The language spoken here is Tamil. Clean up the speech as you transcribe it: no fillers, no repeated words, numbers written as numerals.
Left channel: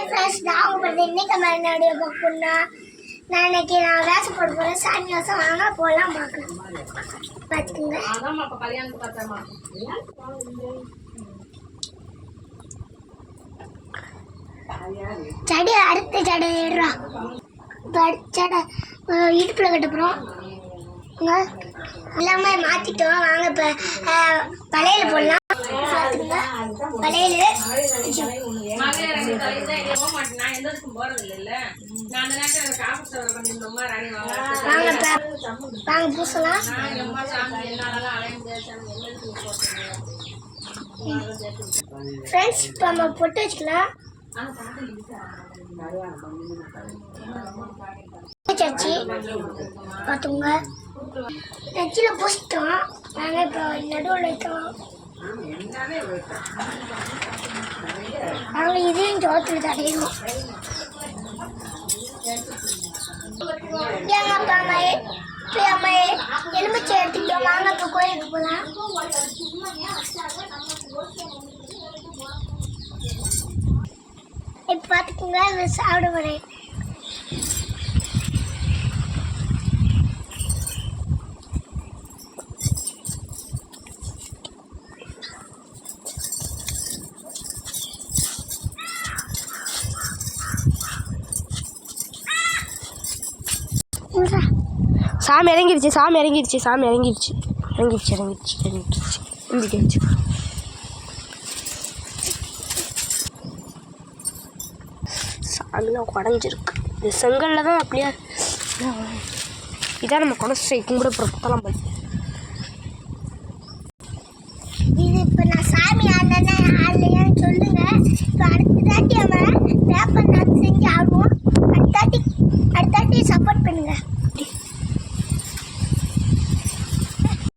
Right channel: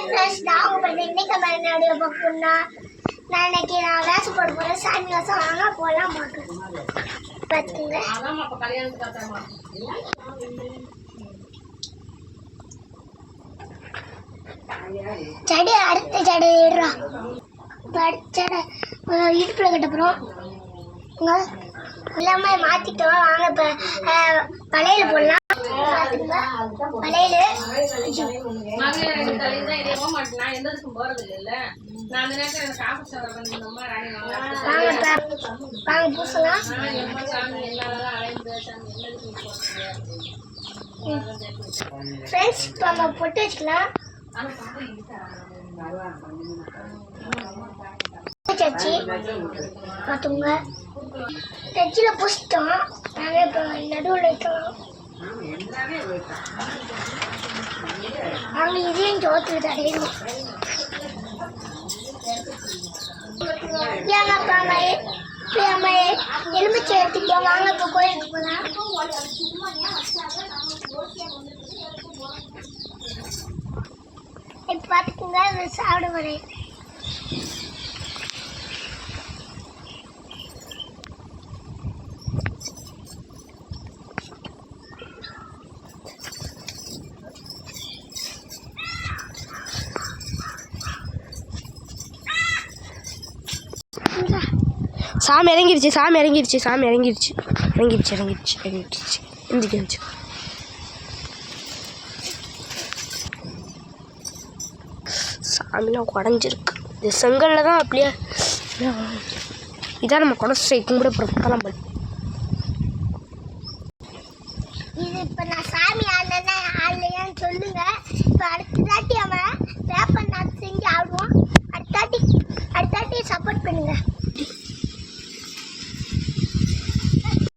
ஹாய் ஃப்ரெண்ட்ஸ், நான் உங்களுக்கு இன்னைக்கு மாதிரி வீடியோ பார்க்கணும்னா நான் இன்னைக்கு வேஷம் போட போகிறேன். சாமி வேஷம் வாங்க போகலாம் பார்க்கலாம். பார்த்துக்குங்க. செடி அடுத்த செடி ஏடுறா. செடை இடுப்பில் கட்டப்புறம் எல்லாமே மாற்றிட்டோம். வாங்க இப்போ பழையில போடலாம். பழையில வாங்க பூசலாம். ஃப்ரெண்ட்ஸ், இப்போ நம்ம பொட்டு வச்சுக்கலாம். சச்சி பார்த்துங்க, நெச்சியில் பூசிட்டோம். நாங்கள் இப்போ நடுவில் வைக்கலாம். நாங்கள் இதையும் சோத்தில் தடையணும். எங்கள் அப்பா அம்மா எலுமிச்சை எடுத்துக்கிட்டோம். வாங்க இப்போ கோயிலுக்கு போகலாம். இப்போ பார்த்துக்கோங்க, சாப்பிட வரேன். சாமி இறங்கிருச்சு எந்திரிச்சு சாமிலாம் குடஞ்சிருக்கு. இது செங்கல்ல தான் அப்படியே இதான் நம்ம குடசை கும்பிட புறப்பத்தலாம் பண்ணி. இது இப்போ நான் சாமி ஆடலையான்னு சொல்லுங்க. இப்போ அடுத்த தாட்டி அவன் வேப்ப நாள் செஞ்சு ஆடுவோம். அடுத்தாட்டி சப்போர்ட் பண்ணுங்க.